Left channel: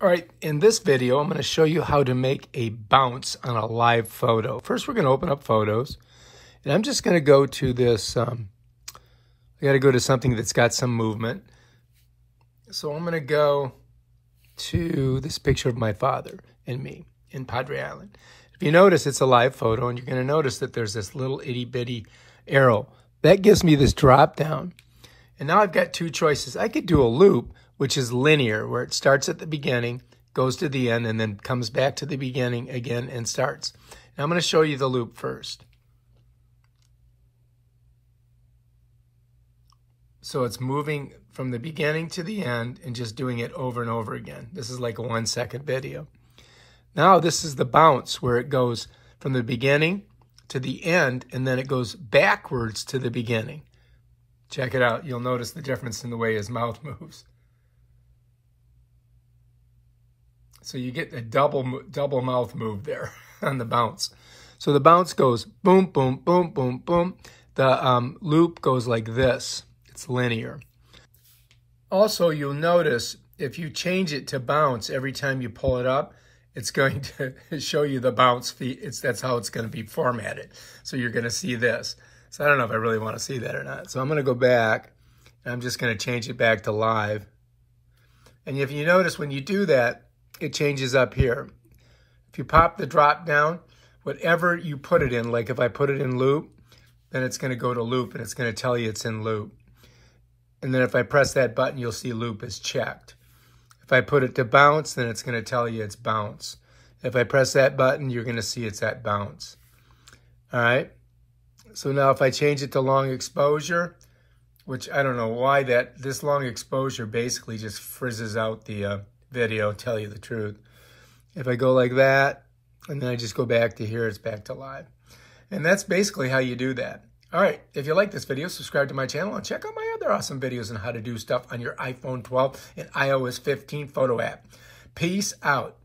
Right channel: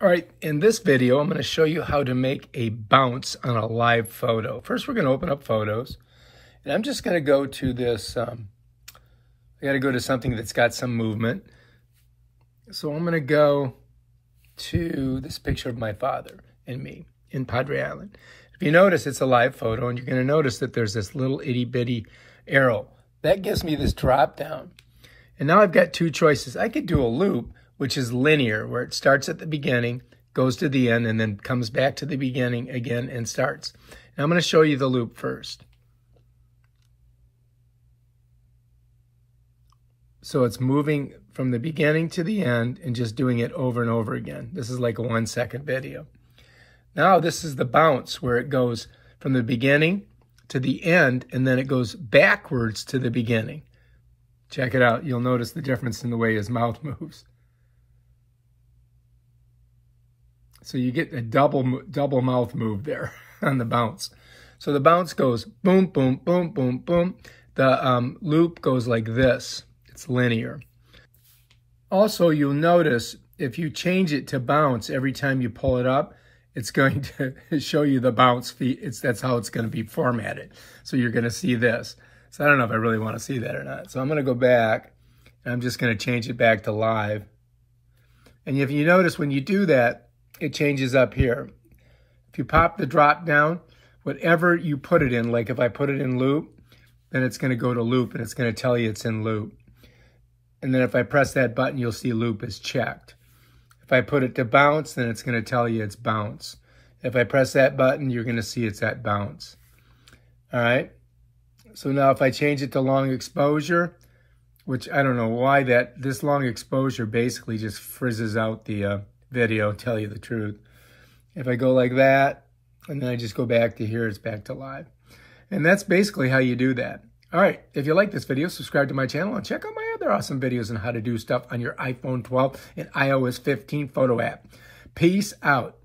All right, in this video, I'm going to show you how to make a bounce on a live photo. First, we're going to open up Photos, and I'm just going to go to this, I got to go to something that's got some movement. So I'm going to go to this picture of my father and me in Padre Island. If you notice, it's a live photo, and you're going to notice that there's this little itty-bitty arrow. That gives me this drop down. And now I've got two choices. I could do a loop, which is linear, where it starts at the beginning, goes to the end, and then comes back to the beginning again and starts. And I'm going to show you the loop first. So it's moving from the beginning to the end and just doing it over and over again. This is like a 1 second video. Now this is the bounce, where it goes from the beginning to the end, and then it goes backwards to the beginning. Check it out. You'll notice the difference in the way his mouth moves. So you get a double mouth move there on the bounce. So the bounce goes boom, boom, boom, boom, boom. The loop goes like this. It's linear. Also, you'll notice if you change it to bounce every time you pull it up, it's going to show you the bounce feed. That's how it's going to be formatted. So you're going to see this. So I don't know if I really want to see that or not. So I'm going to go back, and I'm just going to change it back to live. And if you notice when you do that, it changes up here. If you pop the drop down, whatever you put it in, like if I put it in loop, then it's going to go to loop, and it's going to tell you it's in loop. And then if I press that button, you'll see loop is checked. If I put it to bounce, then it's going to tell you it's bounce. If I press that button, you're going to see it's at bounce. All right. So now if I change it to long exposure, which I don't know why this long exposure basically just frizzes out the video, tell you the truth. If I go like that, and then I just go back to here, it's back to live. And that's basically how you do that. All right, if you like this video, subscribe to my channel and check out my other awesome videos on how to do stuff on your iPhone 12 and iOS 15 photo app. Peace out.